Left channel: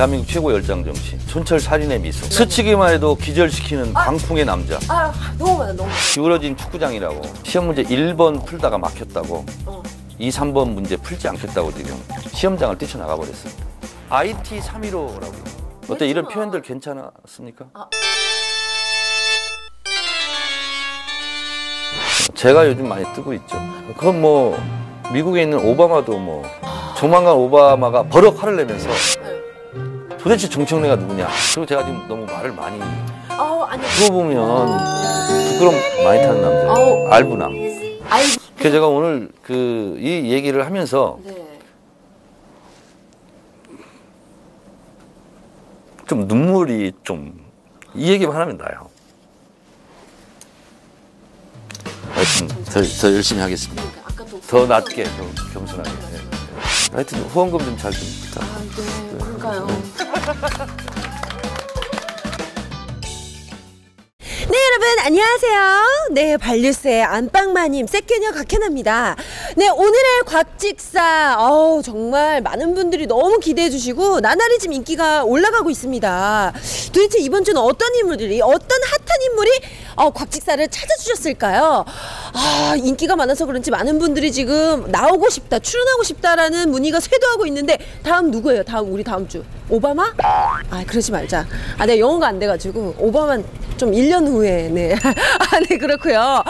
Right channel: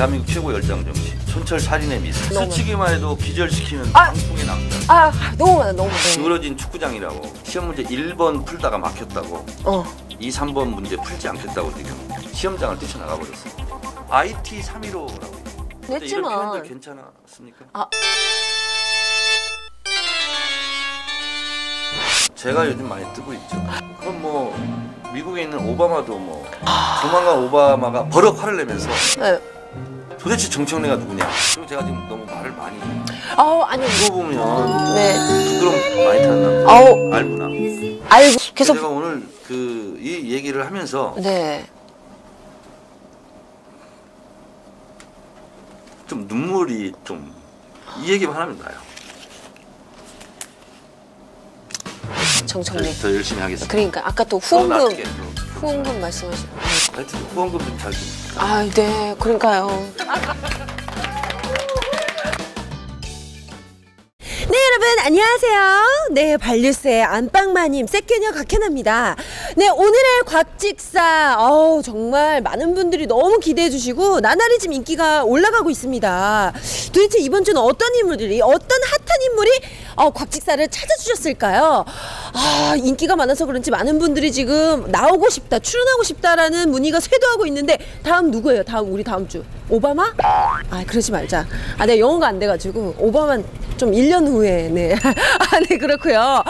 대한민국 최고 열장 정치, 촌철 살인의 미소. 스치기만 해도 기절시키는 강풍의 남자. 너무 많아, 너무 많아. 기울어진 축구장이라고. 시험 문제 1번 풀다가 막혔다고. 2, 3번 문제 풀지 않겠다고 지금 시험장을 뛰쳐나가 버렸어. IT 315라고. 어때, 이런 표현들 괜찮았습니까? 제가 요즘 많이 뜨고 있죠. 그건 뭐 미국에 있는 오바마도 뭐 조만간 오바마가 버럭 화를 내면서 도대체 정청래가 누구냐. 그리고 제가 지금 너무 말을 많이. 아니. 그거 보면 부끄럼 많이 타는 남자. 알구나. 그래서 제가 오늘 이 얘기를 하면서 좀 눈물이 좀, 이 얘기만 하면 나요. 더 열심히 하겠습니다. 그러니까 아까 또 후원금 말씀하셨어요. 하여튼 후원금 좀 잘 줍니다. 네, 그러니까요. 네, 여러분 안녕하세요. 네, 반류세 안방마님 새끼녀 각현합니다. 네, 오늘의 곽직사 정말 많은 분들이 너무 기대해 주시고 나날이 지금 인기가 올라가고 있습니다. 도대체 이번 주는 어떤 인물들이, 어떤 핫한 인물이 곽직사를 찾아주셨을까요? 인기가 많아서 그런지 많은 분들이 지금 나오고 싶다, 출연하고 싶다라는 문의가 쇄도하고 있는데, 다음 누구예요? 우리 다음 주 오바마? 그러지 말자. 내가 영어가 안 돼가지고 오바마 좀 1년 후에. 네. 네, 그렇고요.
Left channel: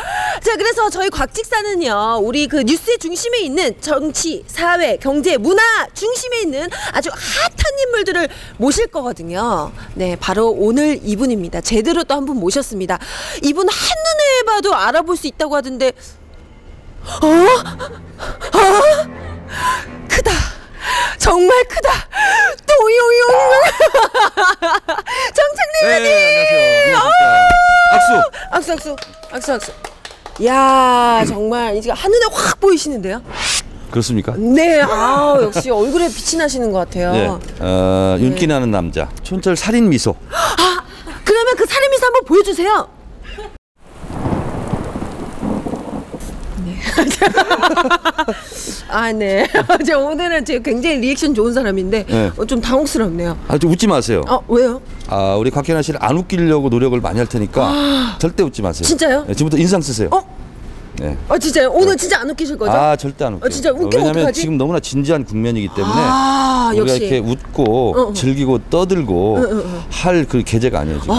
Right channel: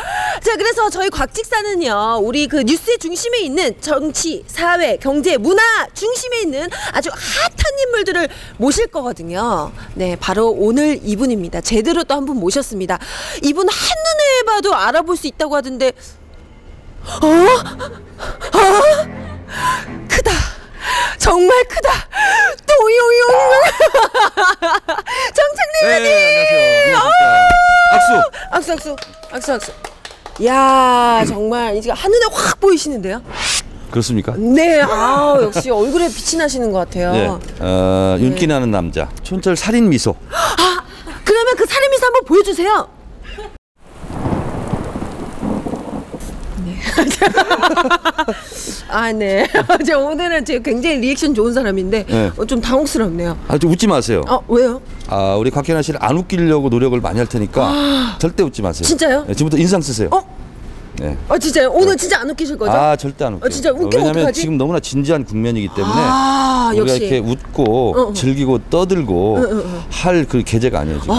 자, 그래서 저희 곽직사는요, 우리 그 뉴스의 중심에 있는 정치, 사회, 경제, 문화 중심에 있는 아주 핫한 인물들을 모실 거거든요. 네, 바로 오늘 이분입니다. 제대로 또 한 분 모셨습니다. 이분 한눈에 봐도 알아볼 수 있다고 하던데, 크다. 정말 크다. 또용용. 정청래 의원님. 네, 안녕하세요. 악수. 야, 정말 이제 한눈에 확 보이시는데요? 그렇습니까? 네, 역시 얼굴에 빛이 나시는 것 같아요. 네, 윤기 나는 남자, 촌철 살인 미소. 그러면 그 살인 미소 한번 보여주세요. 네. 제가 오늘은 굉장히 리액션 좋은 사람인데 좀 당혹스럽네요. 좀 웃지 마세요. 왜요? 우리 곽현아 씨를 안 웃기려고 노력을 많이 할 테니까 절대 웃지 마세요. 진짜요? 네, 지금부터 인상 쓰세요. 네. 진짜요? 오늘 진짜 안 웃기실 거죠? 절대 안 웃겨요. 진짜 웃기면 왜냐면 어떡하지? 지금 너무나 진지한 국면이기 때문에 우리가 역시. 이렇게 웃고 즐기고 떠들고 할 그 계제가 아니에요 지금.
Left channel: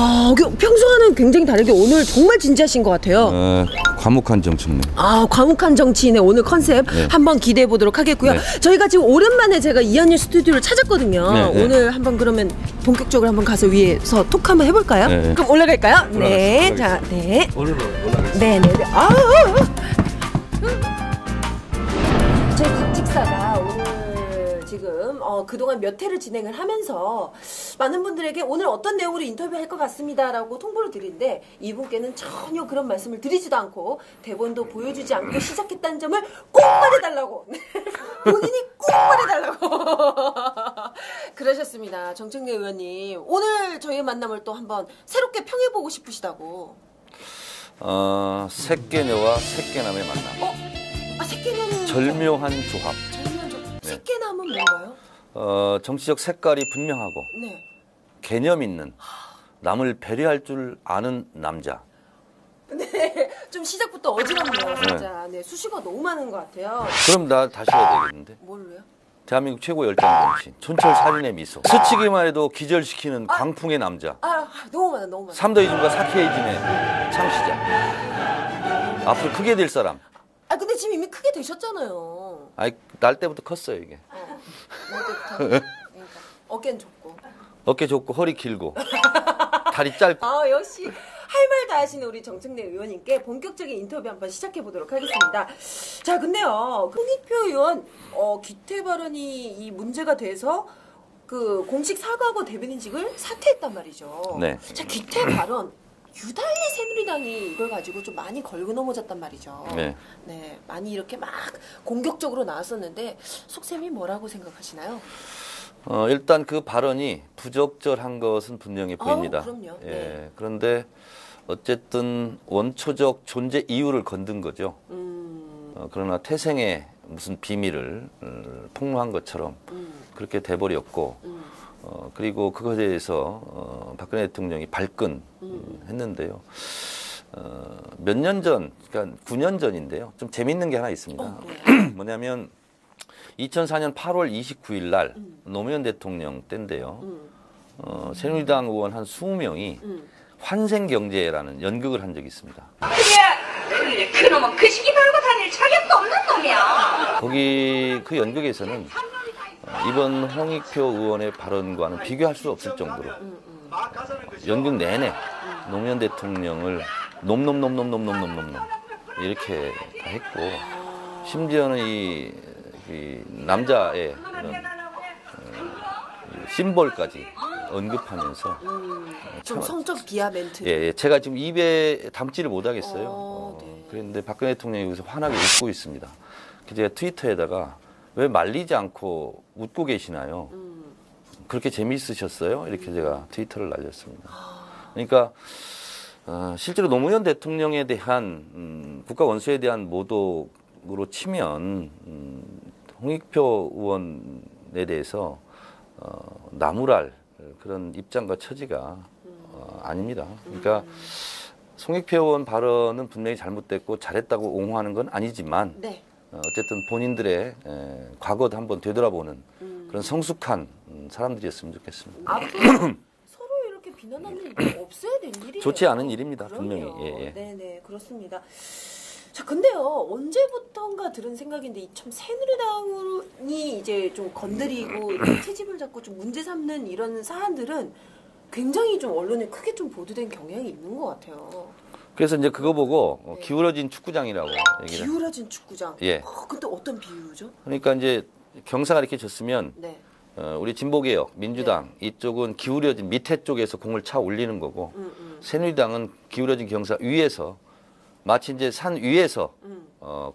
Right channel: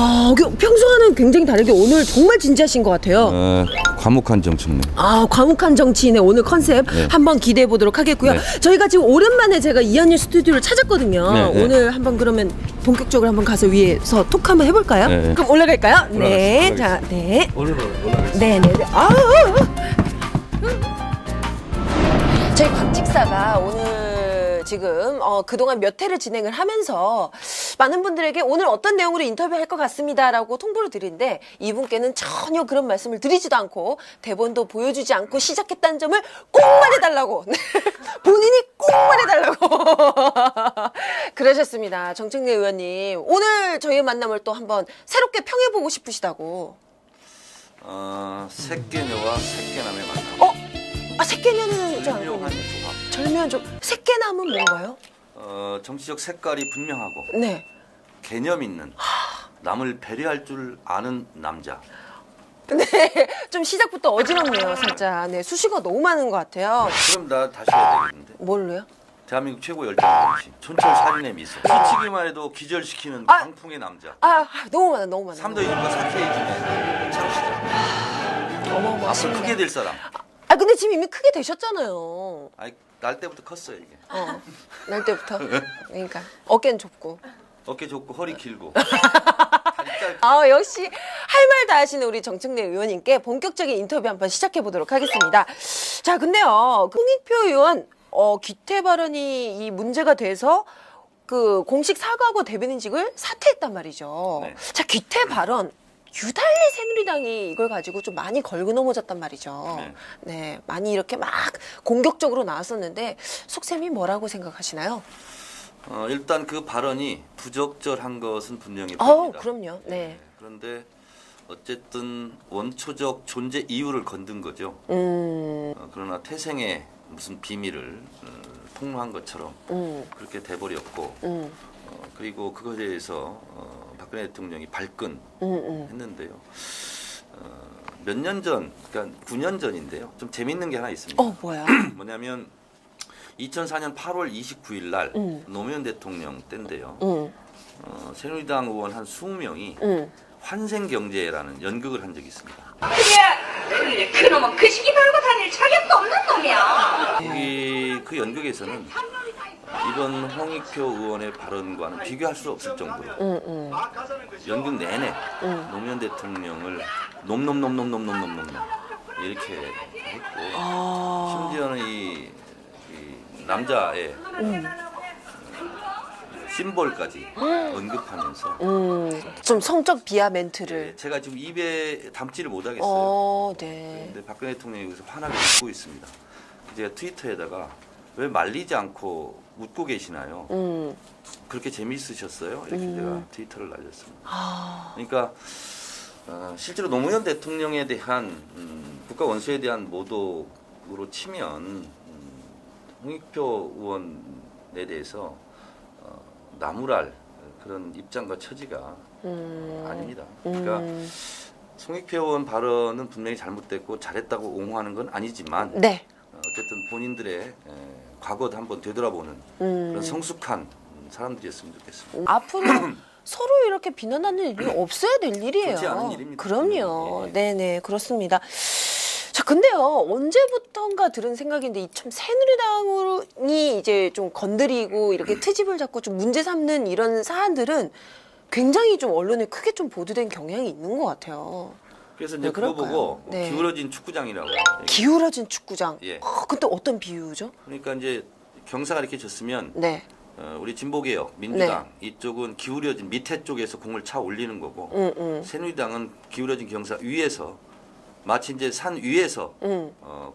평소와는 굉장히 다르게 오늘 정말 진지하신 것 같아요. 과묵한 정치인네. 과묵한 정치인의 오늘 컨셉 한번 기대해 보도록 하겠고요. 저희가 지금 오랜만에 제가 이한일 스튜디오를 찾았거든요. 오늘 한번 그러면 본격적으로 한번 가서 위에서 톡 한번 해볼까요? 그럼 올라갈까요? 네. 자, 네. 올라가겠습니다. 네네. 저희 곽직사가 오늘 지금 그동안 몇 회를 진행을 하면서 많은 분들에게 오늘 어떤 내용으로 인터뷰할 것 같습니다라고 통보를 드리는데, 이분께는 전혀 그런 말씀을 드리지도 않고 대본도 보여주지 않고 시작했다는 점을 꼭 말해달라고 본인이 꼭 말해달라고 그러셨습니다. 정청래 의원님, 오늘 저희의 만남을 또 한번 새롭게 평해보고 싶으시다고. 새끼녀와 새끼남의 만남. 새끼녀는 절묘한 조합. 절묘한 조합. 새끼남은 뭔가요? 정치적 색깔이 분명하고 개념 있는, 남을 배려할 줄 아는 남자. 네, 좀 시작부터 어지럽네요, 진짜. 네, 수식어가 너무 많은 것 같아요. 그럼 나 다시 해야 되겠는데? 뭘로요? 대한민국 최고 열장 정치, 촌철 살인의 미소. 스치기만 해도 기절시키는 강풍의 남자. 너무 많아. 3더 이즘과 4K 이즘의 창시자. 앞으로 크게 될 사람. 근데 지금 이미 크게 되셨잖아요. 날 때부터 컸어요 이게. 날 때부터. 그러니까 어깨는 좁고. 어깨 좁고 허리 길고 다리 짧고. 역시 할 말 다 하시는 우리 정청래 의원님께 본격적인 인터뷰 한번 시작해 보도록 하겠습니다. 자, 근데요, 홍익표 의원 기태 발언이 이 문제가 돼서 그 공식 사과하고 대변인직을 사퇴했단 말이죠. 네. 자, 기태 발언. 유달리 새누리당이 이걸 가지고 좀 많이 걸고 넘어졌단 말이죠. 네, 많이 이렇게 막 공격적으로 나왔었는데 속셈이 뭐라고 생각하시나요? 일단 그 발언이 부적절한 것은 분명히 보입니다. 그럼요. 네. 그런데 어쨌든 원초적 존재 이유를 건든 거죠. 그러나 태생의 무슨 비밀을 폭로한 것처럼 그렇게 돼버렸고, 그리고 그것에 대해서 박근혜 대통령이 발끈했는데요. 몇 년 전, 그러니까 9년 전인데요. 좀 재밌는 게 하나 있습니다. 뭐야? 뭐냐면 2004년 8월 29일 날 노무현 대통령 때인데요. 새누리당 의원 한 20명이 환생경제라는 연극을 한 적이 있습니다. 그래, 그놈은 그 시기 달고 다닐 자격도 없는 놈이야. 거기 그 연극에서는 이번 홍익표 의원의 발언과는 비교할 수 없을 정도로 연극 내내 노무현 대통령을 놈놈놈놈놈놈놈놈 이렇게 했고 심지어는 이 남자의 심볼까지 언급하면서 좀 성적 비하 멘트를. 예, 제가 지금 입에 담지를 못하겠어요. 네. 그런데 박근혜 대통령이 여기서 환하게 웃고 있습니다. 제가 트위터에다가 왜 말리지 않고 웃고 계시나요? 그렇게 재미있으셨어요? 이렇게 제가 트위터를 날렸습니다. 그러니까 실제로 노무현 대통령에 대한 국가 원수에 대한 모독으로 치면 홍익표 의원에 대해서 나무랄 그런 입장과 처지가 아닙니다. 그러니까 송익표 의원 발언은 분명히 잘못됐고 잘했다고 옹호하는 건 아니지만 네. 어쨌든 본인들의 과거도 한번 되돌아보는 그런 성숙한 사람들이었으면 좋겠습니다. 앞으로 서로 이렇게 비난하는 일이 없어야 될 일이에요. 좋지 않은 일입니다. 그럼요. 분명히. 예. 네네, 그렇습니다. 자, 근데요, 언제부턴가 들은 생각인데, 참 새누리당이 이제 좀 건드리고 이렇게 트집을 잡고 좀 문제 삼는 이런 사안들은 굉장히 좀 언론에 크게 좀 보도된 경향이 있는 것 같아요. 그래서 이제 그거 그럴까요? 보고 네. 기울어진 축구장이라고. 기울어진 축구장. 예. 근데 어떤 비유죠? 그러니까 이제 경사가 이렇게 졌으면 네. 우리 진보개혁, 민주당 이쪽은 기울어진 밑에 쪽에서 공을 차 올리는 거고 새누리당은 기울어진 경사 위에서 마치 이제 산 위에서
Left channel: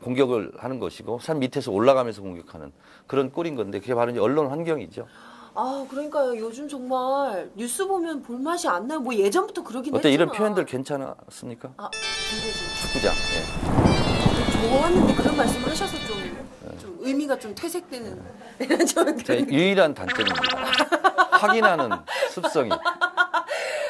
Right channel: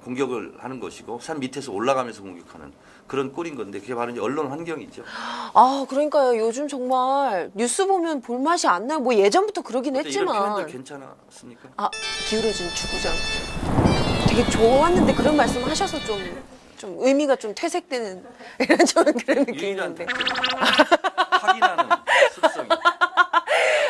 공격을 하는 것이고 산 밑에서 올라가면서 공격하는 그런 꼴인 건데 그게 바로 이제 언론 환경이죠. 아, 그러니까요. 요즘 정말 뉴스 보면 볼맛이 안 나요. 뭐 예전부터 그러긴 어때 했지만. 이런 표현들 괜찮았습니까? 아, 기울어진 축구장. 축구장. 되게 좋았는데 그런 말씀 하셔서 좀 의미가 좀 퇴색되는 이런 좀 그런 유일한 단점입니다. 확인하는 습성이.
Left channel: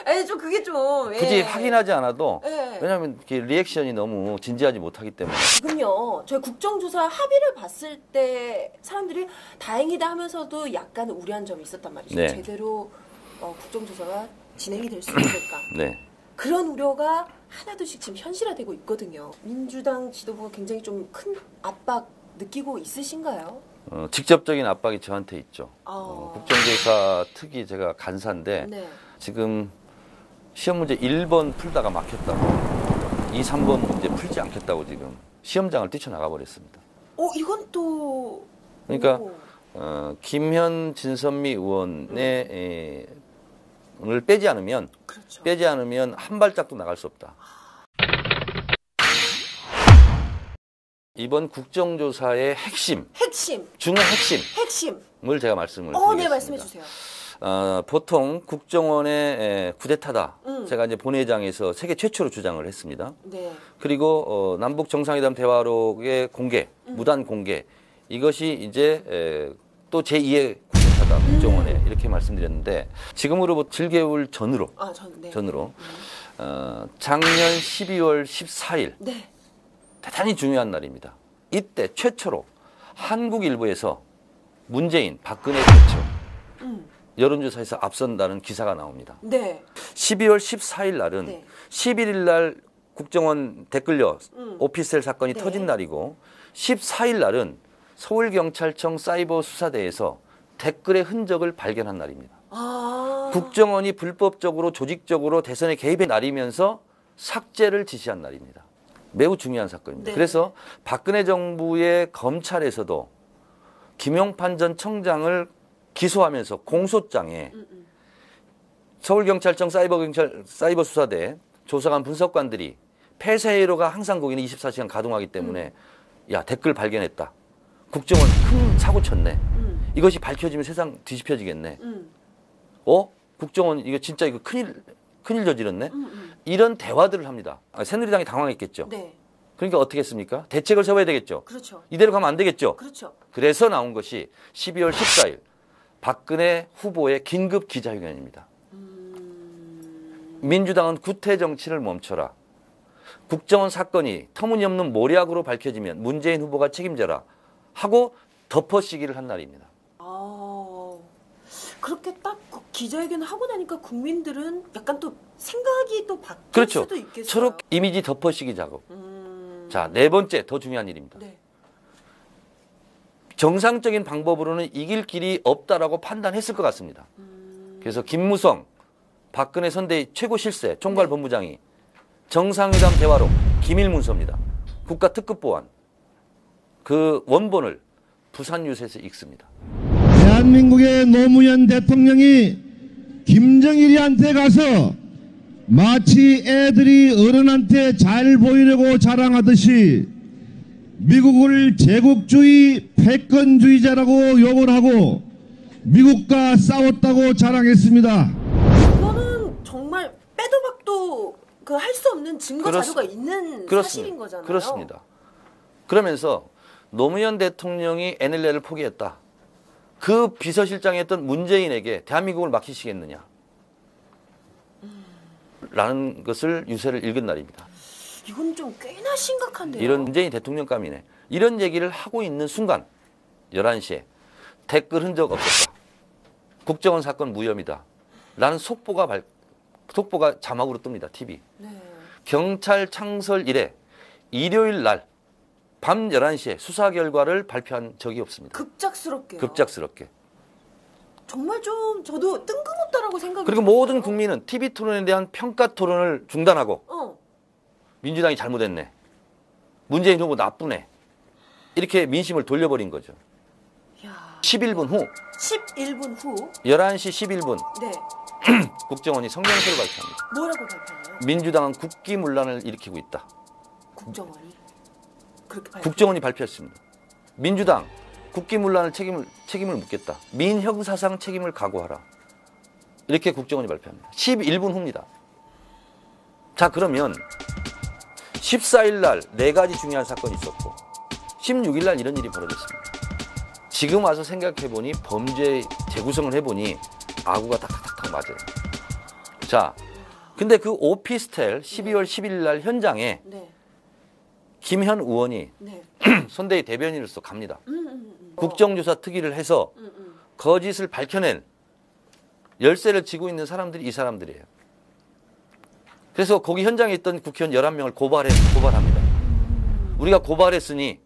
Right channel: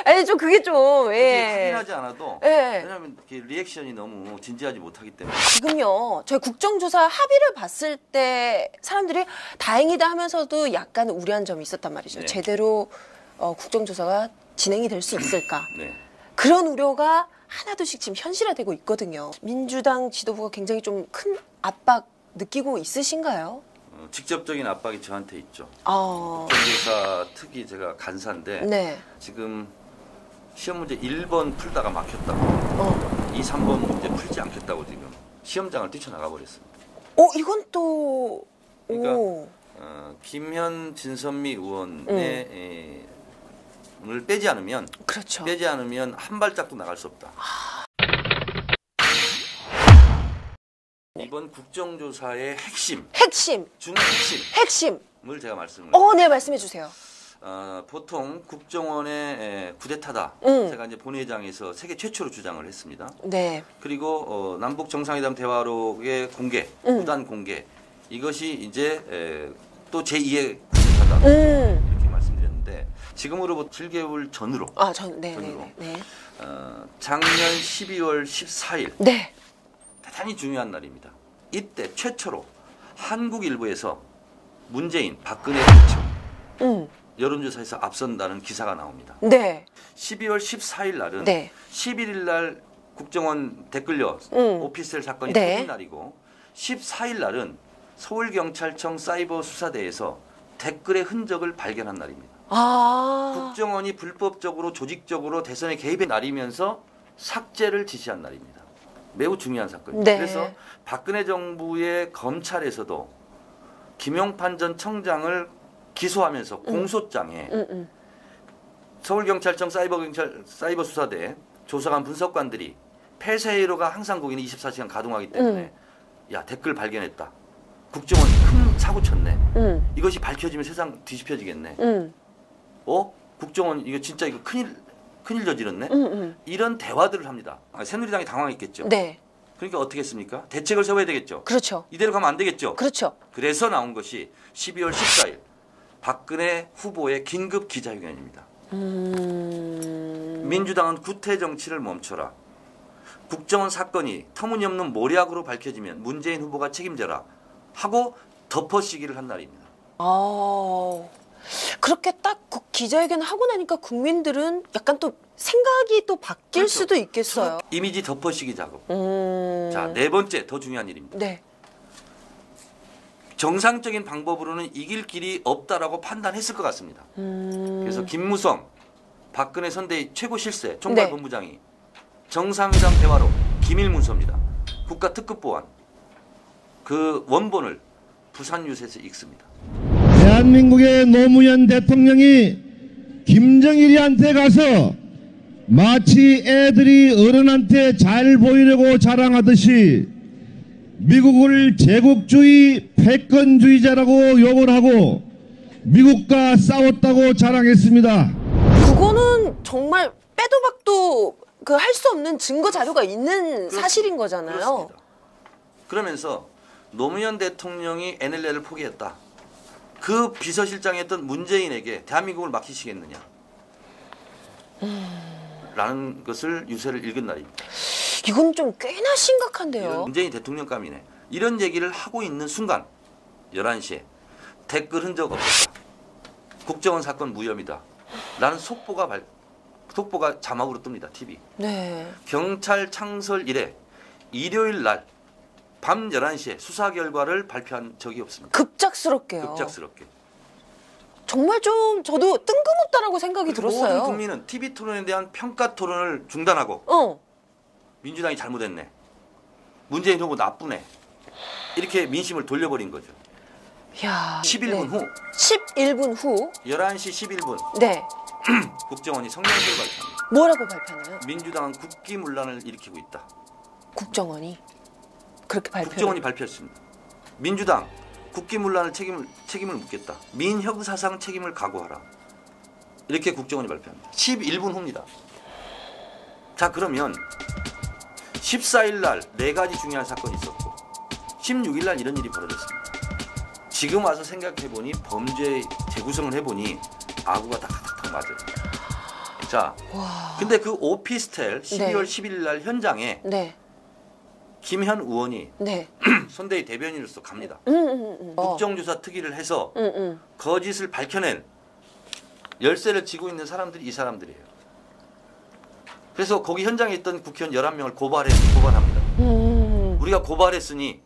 아니 좀 그게 좀 굳이 확인하지 않아도 예. 왜냐하면 리액션이 너무 진지하지 못하기 때문에. 지금요 저희 국정조사 합의를 봤을 때 사람들이 다행이다 하면서도 약간 우려한 점이 있었단 말이죠. 네. 제대로 국정조사가 진행이 될 수 있을까? 네. 그런 우려가 하나둘씩 지금 현실화되고 있거든요. 민주당 지도부가 굉장히 좀 큰 압박 느끼고 있으신가요? 직접적인 압박이 저한테 있죠. 국정조사 특히 제가 간사인데 네. 지금 시험 문제 1번 풀다가 막혔다고 2, 3번 문제 풀지 않겠다고 지금 시험장을 뛰쳐나가 버렸습니다. 이건 또 그러니까 오. 김현 진선미 의원의 을 빼지 않으면 그렇죠. 한 발짝도 나갈 수 없다. 이번 국정조사의 핵심 중의 핵심을 제가 말씀을 네, 드리겠습니다. 말씀해 주세요. 보통 국정원의 쿠데타다. 제가 이제 본회의장에서 세계 최초로 주장을 했습니다. 네. 그리고 남북 정상회담 대화록의 공개, 무단 공개 이것이 이제 또 제2의 쿠데타다 국정원에 이렇게 말씀드렸는데 지금으로부터 7개월 전으로 전으로 작년 12월 14일 네. 대단히 중요한 날입니다. 이때 최초로 한국 일보에서 문재인, 박근혜 대표 여론조사에서 앞선다는 기사가 나옵니다. 네. 12월 14일 날은 네. 11일 날 국정원 댓글려 오피스텔 사건이 네. 터진 날이고 14일 날은 서울경찰청 사이버 수사대에서 댓글의 흔적을 발견한 날입니다. 국정원이 불법적으로 조직적으로 대선에 개입해 날이면서 삭제를 지시한 날입니다. 매우 중요한 사건입니다. 네. 그래서 박근혜 정부의 검찰에서도 김용판 전 청장을 기소하면서 공소장에 서울경찰청 사이버 수사대 조사관 분석관들이 폐쇄회로가 항상 거기는 24시간 가동하기 때문에 야 댓글 발견했다. 국정원 큰 사고 쳤네. 이것이 밝혀지면 세상 뒤집혀지겠네. 국정원 이거 진짜 이거 큰일 저질렀네. 이런 대화들을 합니다. 새누리당이 당황했겠죠. 네. 그러니까 어떻게 했습니까? 대책을 세워야 되겠죠. 그렇죠. 이대로 가면 안 되겠죠. 그렇죠. 그래서 나온 것이 12월 14일 박근혜 후보의 긴급 기자회견입니다. 민주당은 구태 정치를 멈춰라. 국정원 사건이 터무니없는 모략으로 밝혀지면 문재인 후보가 책임져라 하고 덮어씌기를 한 날입니다. 그렇게 딱 그 기자회견을 하고 나니까 국민들은 약간 또 생각이 또 바뀔 그렇죠. 수도 있겠어요. 서로 이미지 덮어씌기 작업. 자, 네 번째 더 중요한 일입니다. 네. 정상적인 방법으로는 이길 길이 없다라고 판단했을 것 같습니다. 그래서 김무성, 박근혜 선대위 최고 실세 총괄본부장이 정상회담 대화로 기밀 문서입니다. 국가특급 보안 그 원본을 부산 유세에서 읽습니다. 대한민국의 노무현 대통령이 김정일이한테 가서 마치 애들이 어른한테 잘 보이려고 자랑하듯이 미국을 제국주의 패권주의자라고 욕을 하고 미국과 싸웠다고 자랑했습니다. 그거는 정말 빼도 박도 그 할 수 없는 증거 자료가 있는 사실인 거잖아요. 그렇습니다. 그러면서 노무현 대통령이 NLL을 포기했다. 그 비서실장이었던 문재인에게 대한민국을 맡기시겠느냐. 라는 것을 유세를 읽은 날입니다. 이건 좀 꽤나 심각한데요. 이런 문재인 대통령감이네. 이런 얘기를 하고 있는 순간 11시에 댓글 흔적 없었다. 국정원 사건 무혐의다. 라는 속보가 자막으로 뜹니다. TV. 네. 경찰 창설 이래 일요일 날 밤 11시에 수사 결과를 발표한 적이 없습니다. 급작스럽게요. 급작스럽게. 정말 좀 저도 뜬금없다라고 생각이 그리고 들었어요. 모든 국민은 TV 토론에 대한 평가 토론을 중단하고 민주당이 잘못했네. 문재인 후보 나쁘네. 이렇게 민심을 돌려버린 거죠. 야, 11분 네. 후 11분 후 11시 11분 네. 국정원이 성명서를 발표합니다. 뭐라고 발표하나요? 민주당은 국기문란을 일으키고 있다. 국정원이 그렇게 발표. 국정원이 발표했습니다. 민주당 국기문란을 책임을 묻겠다. 민형사상 책임을 각오하라. 이렇게 국정원이 발표합니다. 11분 후입니다. 자, 그러면 14일 날 4가지 중요한 사건이 있었고 16일 날 이런 일이 벌어졌습니다. 지금 와서 생각해보니 범죄 재구성을 해보니 아구가 탁탁탁 맞아요. 자, 근데 그 오피스텔 12월 11일 날 현장에 네. 김현 의원이 네. 선대위 대변인으로서 갑니다. 국정조사 특위를 해서 거짓을 밝혀낼 열쇠를 쥐고 있는 사람들이 이 사람들이에요. 그래서 거기 현장에 있던 국회의원 11명을 고발합니다. 우리가 고발했으니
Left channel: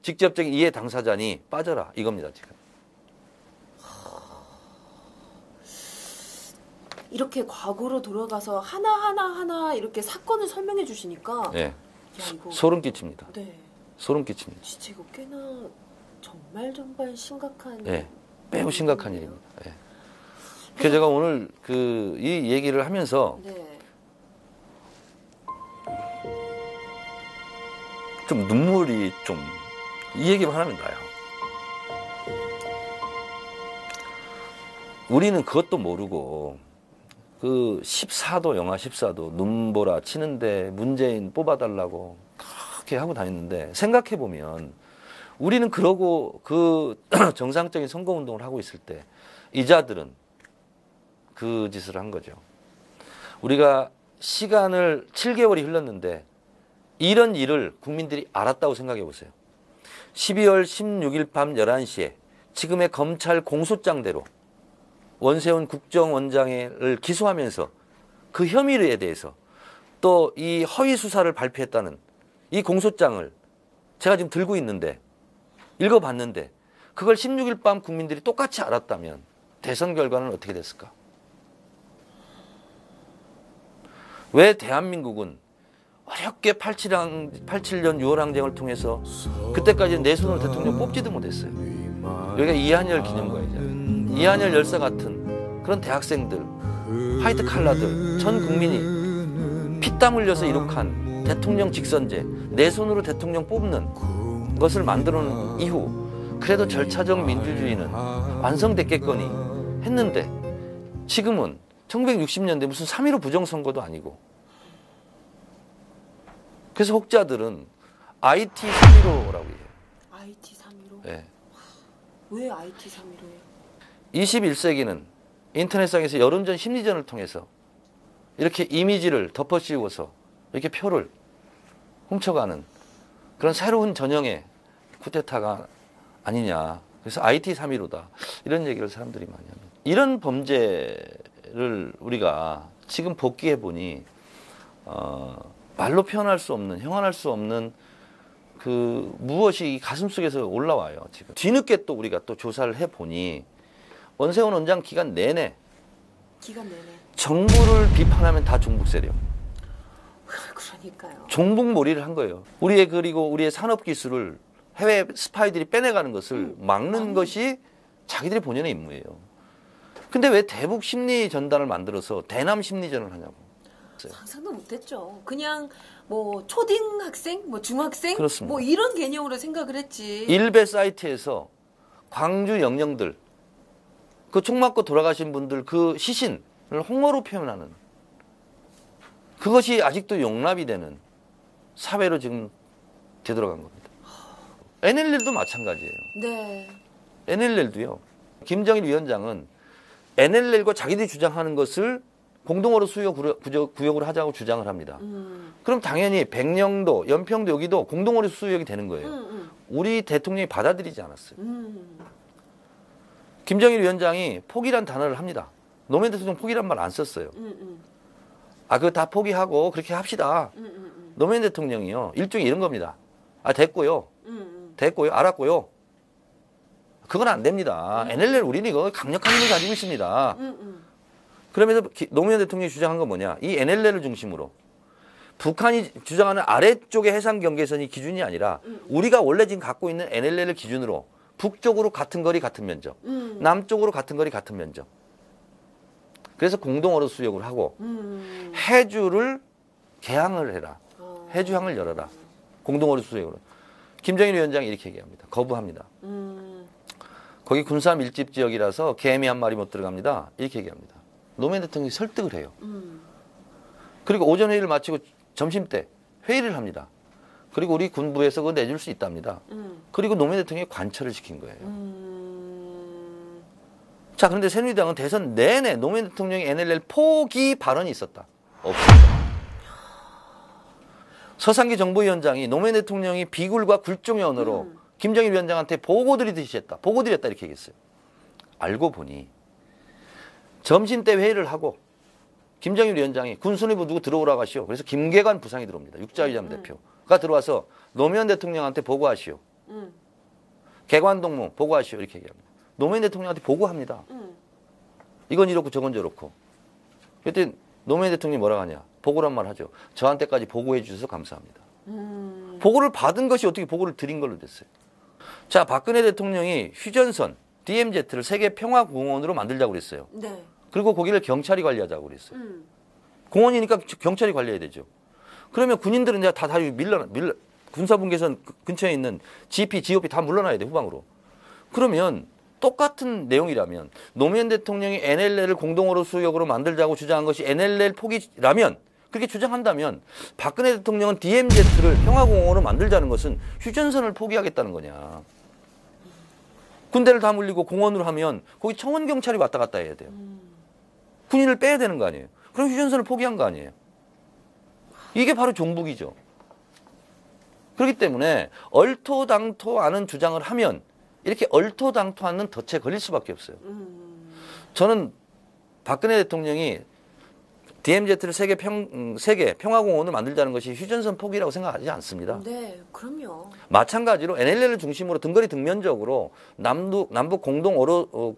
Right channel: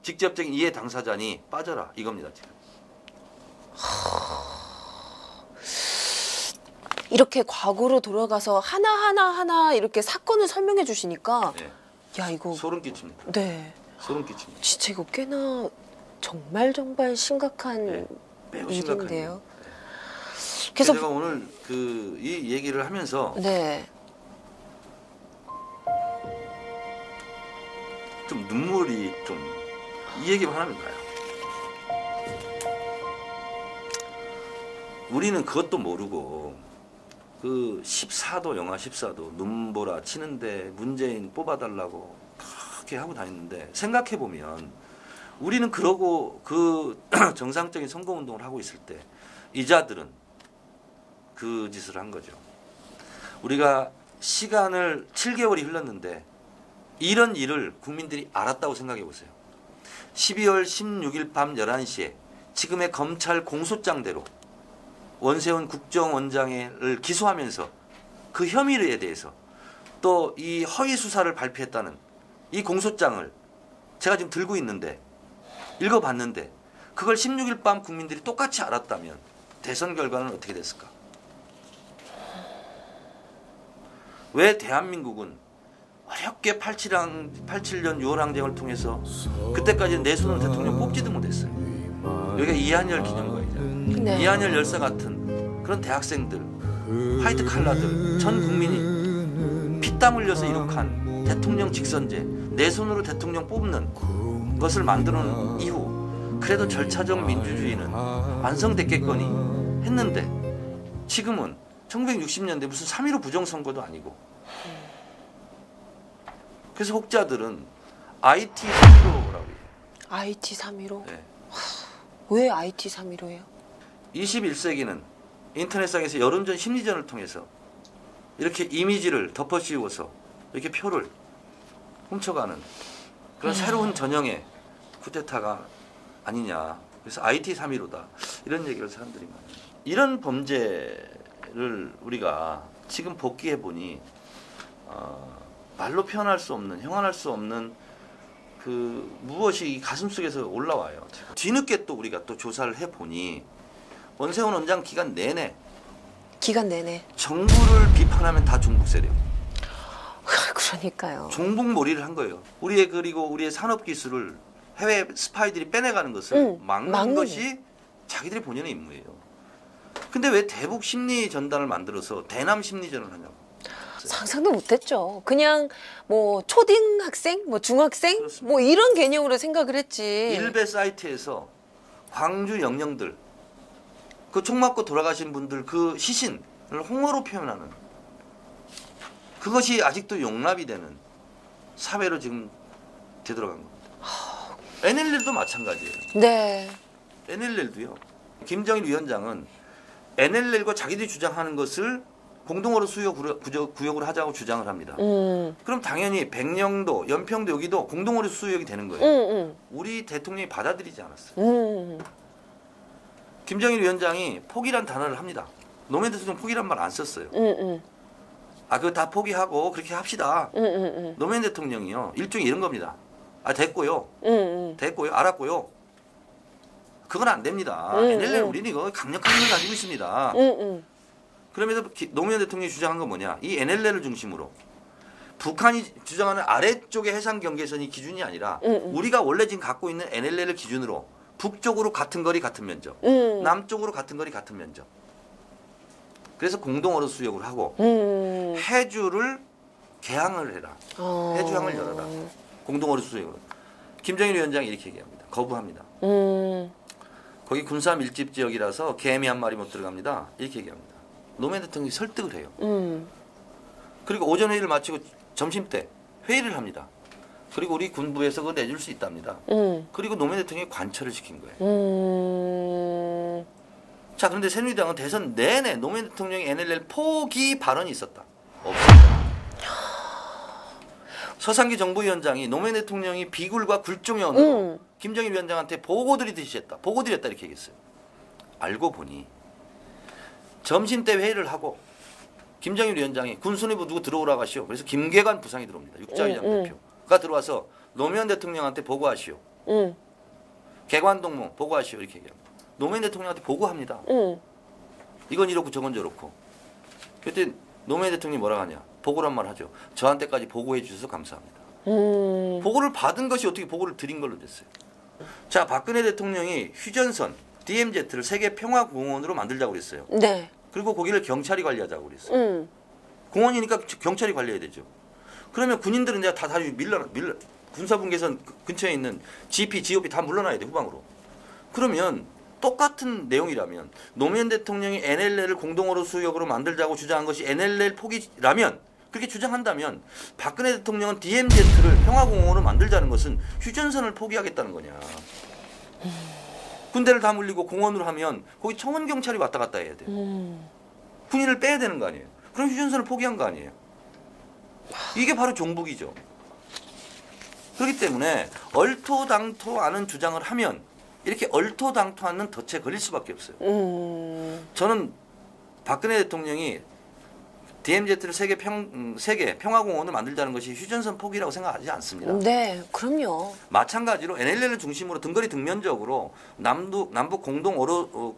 직접적인 이해 당사자니 빠져라 이겁니다. 지금. 이렇게 과거로 돌아가서 하나 이렇게 사건을 설명해 주시니까 네. 야 이거 소름 끼칩니다. 네. 소름 끼칩니다. 진짜 이거 꽤나 정말 심각한 네. 매우 심각한 일인데요. 일이에요. 네. 그래서 그래서 제가 오늘 이 얘기를 하면서 네. 좀 눈물이 이 얘기만 하면 나요. 우리는 그것도 모르고 그 14도 영하 14도 눈보라 치는데 문재인 뽑아달라고 그렇게 하고 다녔는데 생각해보면 우리는 그러고 그 정상적인 선거운동을 하고 있을 때 이자들은 그 짓을 한 거죠. 우리가 시간을 7개월이 흘렀는데 이런 일을 국민들이 알았다고 생각해 보세요. 12월 16일 밤 11시에 지금의 검찰 공소장대로 원세훈 국정원장을 기소하면서 그 혐의에 대해서 또 이 허위 수사를 발표했다는 이 공소장을 제가 지금 들고 있는데 읽어봤는데 그걸 16일 밤 국민들이 똑같이 알았다면 대선 결과는 어떻게 됐을까? 왜 대한민국은 어렵게 87년 6월 항쟁을 통해서 그때까지는 내 손으로 대통령 뽑지도 못했어요. 여기가 이한열 기념관이죠. 네. 이한열 열사 같은 그런 대학생들, 화이트 칼라들, 전 국민이 피땀 흘려서 이룩한 대통령 직선제, 내 손으로 대통령 뽑는 것을 만들어 놓은 이후 그래도 절차적 민주주의는 완성됐겠거니 했는데 지금은 1960년대 무슨 3.15 부정선거도 아니고 그래서 혹자들은 IT 3.15라고 해요. IT 3.15. 네. 왜 IT 3.15예요? 21세기는 인터넷상에서 여론전 심리전을 통해서 이렇게 이미지를 덮어씌우고서 이렇게 표를 훔쳐가는 그런 새로운 전형의 쿠데타가 아니냐. 그래서 IT 3.15다. 이런 얘기를 사람들이 많이 해요. 이런 범죄를 우리가 지금 복귀해 보니 말로 표현할 수 없는, 형언할 수 없는 그 무엇이 이 가슴속에서 올라와요. 지금. 뒤늦게 또 우리가 또 조사를 해 보니 원세훈 원장 기간 내내 정부를 비판하면 다 종북 세력. 그러니까요. 종북몰이를 한 거예요. 그리고 우리의 산업 기술을 해외 스파이들이 빼내가는 것을 막는 것이 자기들의 본연의 임무예요. 근데 왜 대북 심리 전단을 만들어서 대남 심리전을 하냐고. 상상도 못했죠. 그냥 뭐 초등학생, 뭐 중학생, 그렇습니다. 뭐 이런 개념으로 생각을 했지. 일베 사이트에서 광주 영령들, 그 총 맞고 돌아가신 분들 그 시신을 홍어로 표현하는 그것이 아직도 용납이 되는 사회로 지금 되돌아간 겁니다. NLL도 마찬가지예요. 네. NLL도요. 김정일 위원장은 NLL과 자기들이 주장하는 것을 공동어로 수요 구역으로 하자고 주장을 합니다. 그럼 당연히 백령도, 연평도 여기도 공동어로 수역이 되는 거예요. 우리 대통령이 받아들이지 않았어요. 김정일 위원장이 포기란 단어를 합니다. 노무현 대통령 포기란 말 안 썼어요. 그거 다 포기하고 그렇게 합시다. 노무현 대통령이요. 일종의 이런 겁니다. 됐고요. 됐고요. 알았고요. 그건 안 됩니다. NLL 우리는 이거 강력한 힘을 가지고 있습니다. 그러면서 노무현 대통령이 주장한 건 뭐냐. 이 NLL을 중심으로 북한이 주장하는 아래쪽의 해상 경계선이 기준이 아니라 우리가 원래 지금 갖고 있는 NLL을 기준으로 북쪽으로 같은 거리 같은 면적, 남쪽으로 같은 거리 같은 면적. 그래서 공동어로 수역을 하고 해주를 개항을 해라. 해주항을 열어라. 공동어로 수역으로. 김정일 위원장이 이렇게 얘기합니다. 거부합니다. 거기 군사 밀집 지역이라서 개미 한 마리 못 들어갑니다. 이렇게 얘기합니다. 노무현 대통령이 설득을 해요. 그리고 오전 회의를 마치고 점심 때 회의를 합니다. 그리고 우리 군부에서 그거 내줄 수 있답니다. 그리고 노무현 대통령이 관철을 시킨 거예요. 자, 그런데 새누리당은 대선 내내 노무현 대통령의 NLL 포기 발언이 있었다. 없었다. 서상기 정부위원장이 노무현 대통령이 비굴과 굴종의 언어로 김정일 위원장한테 보고 드리듯이 했다. 보고 드렸다 이렇게 얘기했어요. 알고 보니 점심때 회의를 하고 김정일 위원장이 군수뇌부 누구 들어오라고 하시오. 그래서 김계관 부상이 들어옵니다. 육자회장 대표가 들어와서 노무현 대통령한테 보고하시오. 개관동무 보고하시오. 이렇게 얘기합니다. 노무현 대통령한테 보고합니다. 이건 이렇고 저건 저렇고. 그때 노무현 대통령이 뭐라고 하냐. 보고란 말 하죠. 저한테까지 보고해 주셔서 감사합니다. 보고를 받은 것이 어떻게 보고를 드린 걸로 됐어요. 자, 박근혜 대통령이 휴전선 DMZ를 세계평화공원으로 만들자고 그랬어요. 네. 그리고 거기를 경찰이 관리하자고 그랬어요. 공원이니까 경찰이 관리해야 되죠. 그러면 군인들은 이제 다 군사분계선 근처에 있는 GP, GOP 다 물러나야 돼, 후방으로. 그러면 똑같은 내용이라면 노무현 대통령이 NLL을 공동어로 수역으로 만들자고 주장한 것이 NLL 포기라면, 그렇게 주장한다면 박근혜 대통령은 DMZ를 평화공원으로 만들자는 것은 휴전선을 포기하겠다는 거냐. 군대를 다 물리고 공원으로 하면 거기 청원경찰이 왔다 갔다 해야 돼요. 군인을 빼야 되는 거 아니에요. 그럼 휴전선을 포기한 거 아니에요. 이게 바로 종북이죠. 그렇기 때문에 얼토당토하는 주장을 하면 이렇게 얼토당토하는 덫에 걸릴 수밖에 없어요. 저는 박근혜 대통령이 DMZ를 세계 평화공원을 만들자는 것이 휴전선 포기라고 생각하지 않습니다. 네, 그럼요. 마찬가지로 NLL을 중심으로 등거리 등면적으로 남북 공동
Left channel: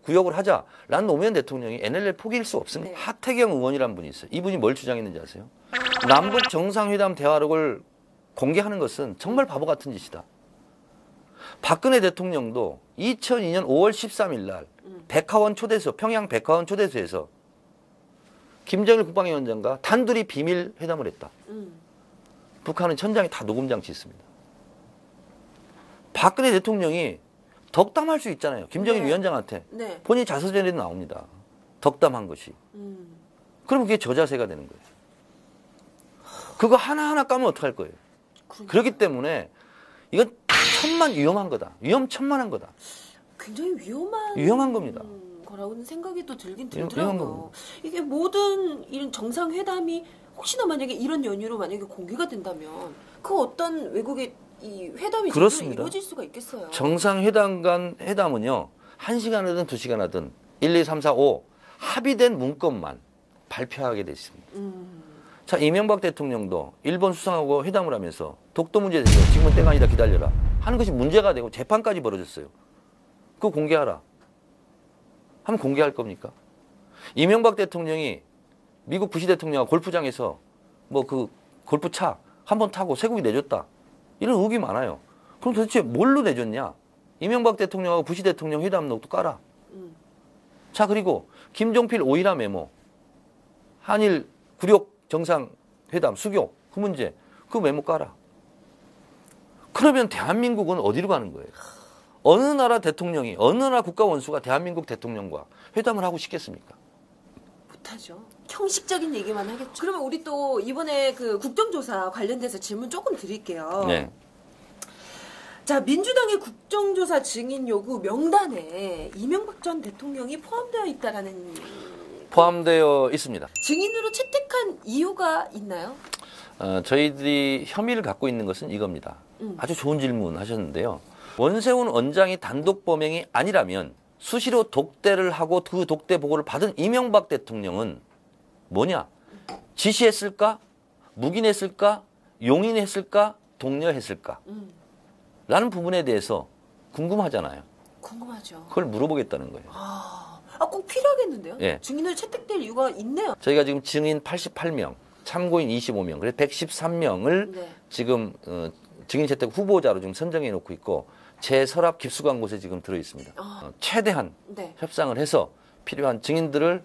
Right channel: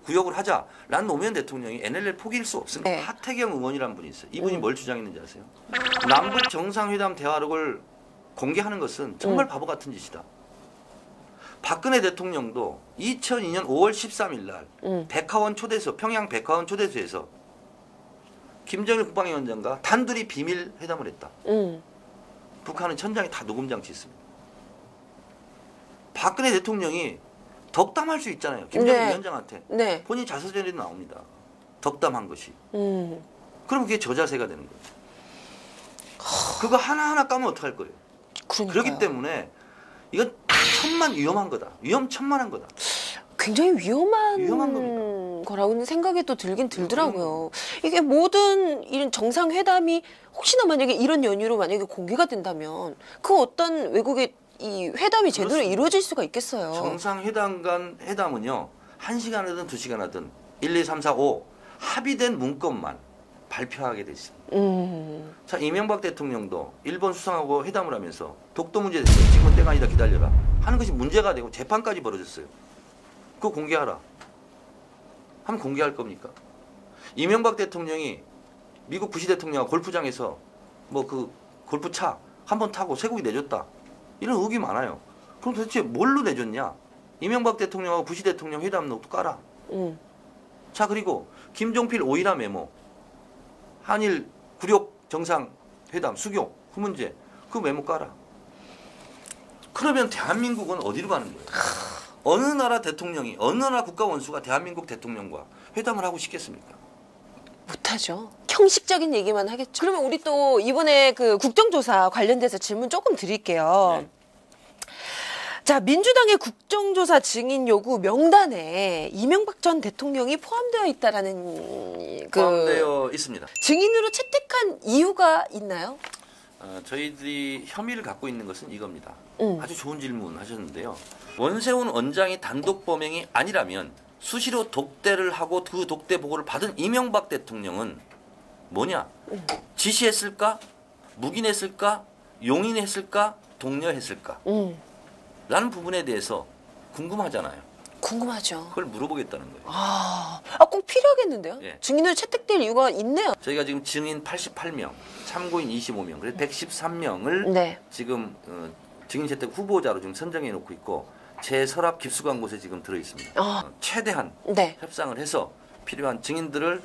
구역을 하자라는 노무현 대통령이 NLL 포기일 수 없습니다. 네. 하태경 의원이라는 분이 있어요. 이분이 뭘 주장했는지 아세요? 남북 정상회담 대화록을 공개하는 것은 정말 바보 같은 짓이다. 박근혜 대통령도 2002년 5월 13일 날 백화원 초대소, 평양 백화원 초대소에서 김정일 국방위원장과 단둘이 비밀 회담을 했다. 북한은 천장에 다 녹음장치 있습니다. 박근혜 대통령이 덕담할 수 있잖아요. 김정일 네. 위원장한테. 네. 본인 자서전에도 나옵니다. 덕담한 것이. 그럼 그게 저자세가 되는 거예요. 그거 하나하나 까면 어떡할 거예요. 그러니까요. 그렇기 때문에 이건 위험한 거다. 위험천만한 거다. 굉장히 위험한 겁니다. 거라고는 생각이 또 들긴 들더라고요. 그럼요. 이게 모든 이런 정상회담이 혹시나 만약에 이런 연유로 만약에 공개가 된다면 그 어떤 외국의 이 회담이 제대로 그렇습니다. 이루어질 수가 있겠어요. 정상회담 간 회담은요. 1시간 하든 2시간 하든 1, 2, 3, 4, 5 합의된 문건만 발표하게 돼 있습니다. 자, 이명박 대통령도 일본 수상하고 회담을 하면서 독도 문제에 대해서 지금은 때가 아니다 기다려라 하는 것이 문제가 되고 재판까지 벌어졌어요. 그거 공개하라. 하면 공개할 겁니까? 이명박 대통령이 미국 부시 대통령과 골프장에서 뭐 그 골프차 한 번 타고 쇠고기 내줬다. 이런 의혹이 많아요. 그럼 도대체 뭘로 내줬냐? 이명박 대통령하고 부시 대통령 회담록도 깔아. 자, 그리고 김종필 오이라 메모, 한일 굴욕 정상회담 수교 그 문제 그 메모 깔아. 그러면 대한민국은 어디로 가는 거예요? 어느 나라 대통령이 어느 나라 국가 원수가 대한민국 대통령과 회담을 하고 싶겠습니까? 못하죠. 형식적인 얘기만 하겠죠. 그러면 우리 또 이번에 그 국정조사 관련돼서 질문 조금 드릴게요. 네. 자, 민주당의 국정조사 증인 요구 명단에 이명박 전 대통령이 포함되어 있다라는 포함되어 있습니다. 증인으로 채택한 이유가 있나요? 저희들이 혐의를 갖고 있는 것은 이겁니다. 아주 좋은 질문 하셨는데요. 원세훈 원장이 단독 범행이 아니라면 수시로 독대를 하고 그 독대 보고를 받은 이명박 대통령은 뭐냐? 지시했을까? 묵인했을까? 용인했을까? 독려했을까? 라는 부분에 대해서 궁금하잖아요. 궁금하죠. 그걸 물어보겠다는 거예요. 꼭 필요하겠는데요? 예. 증인으로 채택될 이유가 있네요. 저희가 지금 증인 88명, 참고인 25명, 그래서 113명을 네. 지금 증인 채택 후보자로 지금 선정해 놓고 있고 제 서랍 깊숙한 곳에 지금 들어 있습니다. 최대한 네. 협상을 해서 필요한 증인들을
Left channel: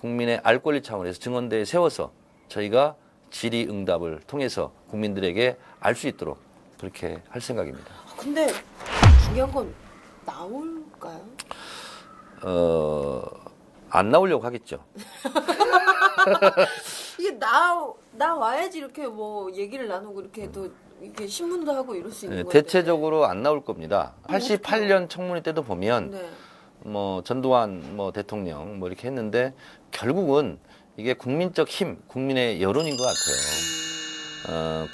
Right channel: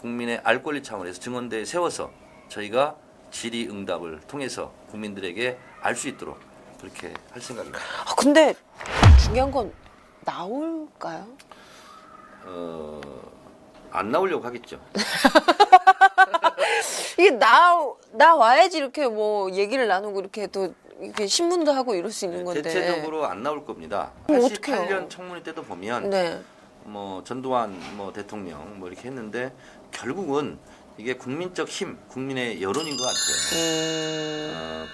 국민의 알 권리 차원에서 증언대에 세워서 저희가 질의응답을 통해서 국민들에게 알 수 있도록 그렇게 할 생각입니다. 근데 중요한 건 나올까요? 안 나오려고 하겠죠. 이게 나와야지 이렇게 뭐 얘기를 나누고 이렇게 또 이렇게 신문도 하고 이럴 수 있는 건데. 대체적으로 안 나올 겁니다. 그럼 88년 어떡해요? 청문회 때도 보면 네. 뭐 전두환 뭐 대통령 뭐 이렇게 했는데 결국은 이게 국민적 힘, 국민의 여론인 것 같아요.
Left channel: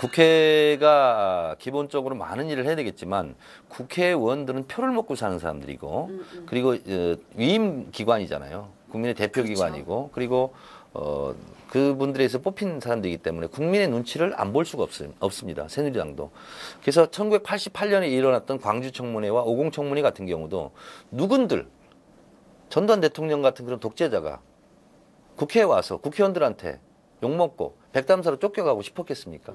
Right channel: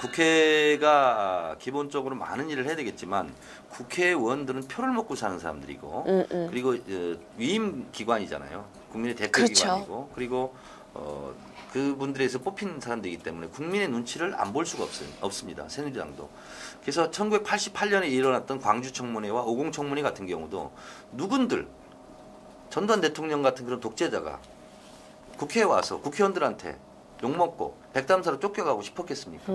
국회가 기본적으로 많은 일을 해야 되겠지만 국회의원들은 표를 먹고 사는 사람들이고 그리고 위임 기관이잖아요. 국민의 대표 그렇죠. 기관이고 그리고 그분들에서 뽑힌 사람들이기 때문에 국민의 눈치를 안 볼 수가 없습니다. 새누리당도. 그래서 1988년에 일어났던 광주 청문회와 50 청문회 같은 경우도 누군들 전두환 대통령 같은 그런 독재자가 국회에 와서 국회의원들한테 욕먹고 백담사로 쫓겨가고 싶었겠습니까?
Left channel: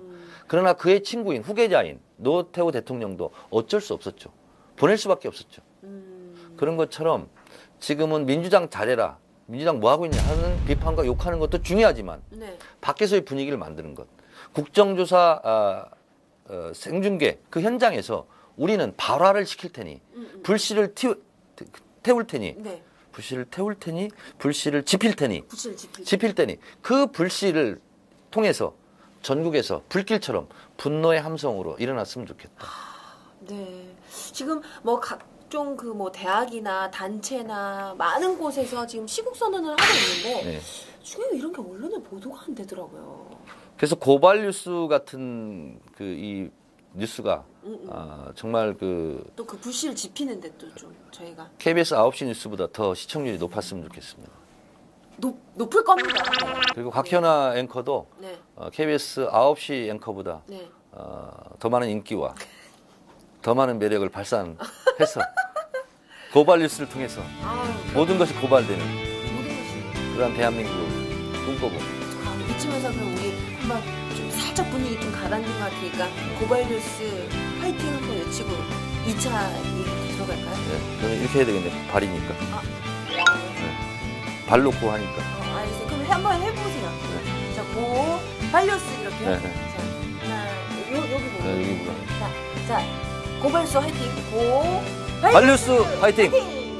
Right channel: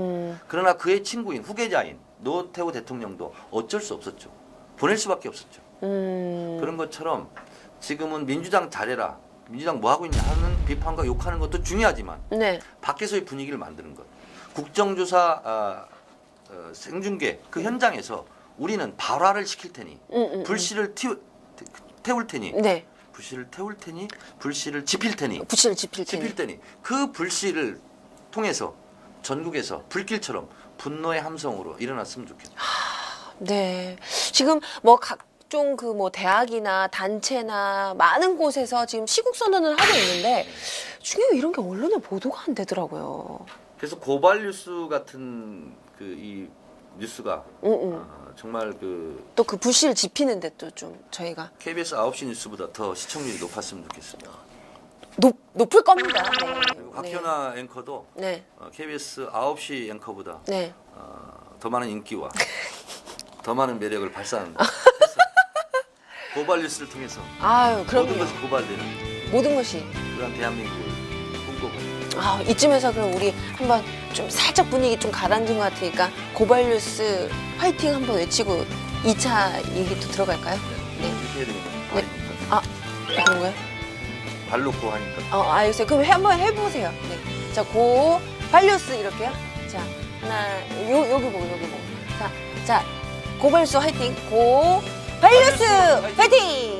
그러나 그의 친구인 후계자인 노태우 대통령도 어쩔 수 없었죠. 보낼 수밖에 없었죠. 그런 것처럼 지금은 민주당 잘해라. 민주당 뭐 하고 있냐 하는 비판과 욕하는 것도 중요하지만 네. 밖에서의 분위기를 만드는 것. 국정조사 생중계 그 현장에서 우리는 발화를 시킬 테니 불씨를 태울 테니 네. 불씨를 태울 테니 불씨를 지필 테니 부실 지필 테니 그 불씨를 통해서 전국에서 불길처럼 분노의 함성으로 일어났으면 좋겠다. 네. 지금 뭐 각종 그 뭐 대학이나 단체나 많은 곳에서 지금 시국 선언을 하고 있는데 네. 중요한 이런 게 언론에 보도가 안 되더라고요. 그래서 고발 뉴스 같은 그 이 뉴스가 정말 또 그 불씨를 지피는데 또 좀 저희가 KBS 9시 뉴스보다 더 시청률이 높았으면 좋겠습니다. 높을 겁니다. 그리고 곽현아 앵커도 네. KBS 9시 앵커보다 네. 더 많은 인기와 더 많은 매력을 발산해서 고발 뉴스를 통해서 아유, 그럼 모든 것이 고발되는 모든 것이 그런 대한민국을 꿈꿔보는 이쯤에서 그럼 우리 한번 좀 살짝 분위기 좀 가라앉은 것 같으니까 고발 뉴스 화이팅 한번 외치고 2차 얘기도 들어갈까요? 이렇게 해야 되겠네. 발이니까. 그런가요? 발 놓고 하니까. 알겠어요. 그럼 한번 해보세요. 네. 자, 고발 뉴스 이렇게요. 네. 자, 하나, 여기 보고 여기 보고. 자, 고발 뉴스 화이팅. 고발 뉴스 뉴스 화이팅! 화이팅!